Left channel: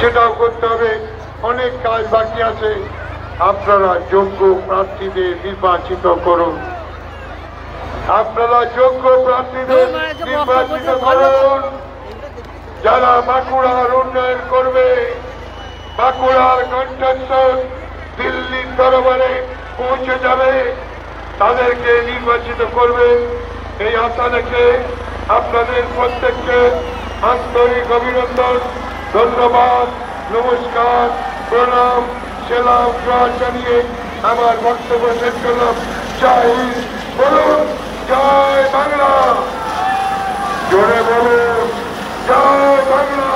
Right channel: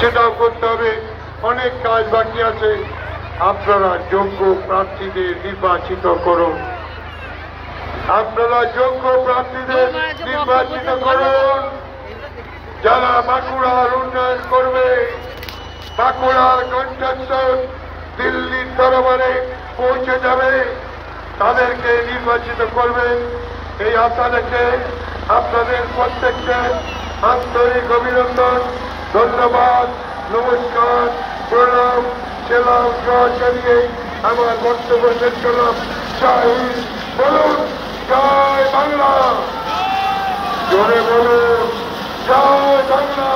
সেটাও করতে হবে। অনেক কাজ বাকি আছে। আপনারা যোগ্য প্রার্থীদের নির্বাচিত করুন। আপনারা যোগ্য প্রার্থীদের নির্বাচিত করুন যারা বাঁকুড়ার উন্নয়ন করবে। বাঁকুড়ার কন্ট্রাকশন দিল্লির দরবারে পৌঁছে যাবে, তাদেরকে নির্বাচিত করবে। এই আশা রেখে আপনাদের প্রত্যেককে আন্তরিক অভিনন্দন, ধন্যবাদ, নমস্কার, প্রণাম, সেলাম জানিয়ে আমার বক্তব্য শেষ করলাম। জয় হিন্দ, বলুন জয় বাংলা, জোরে বলুন জয় বাংলা।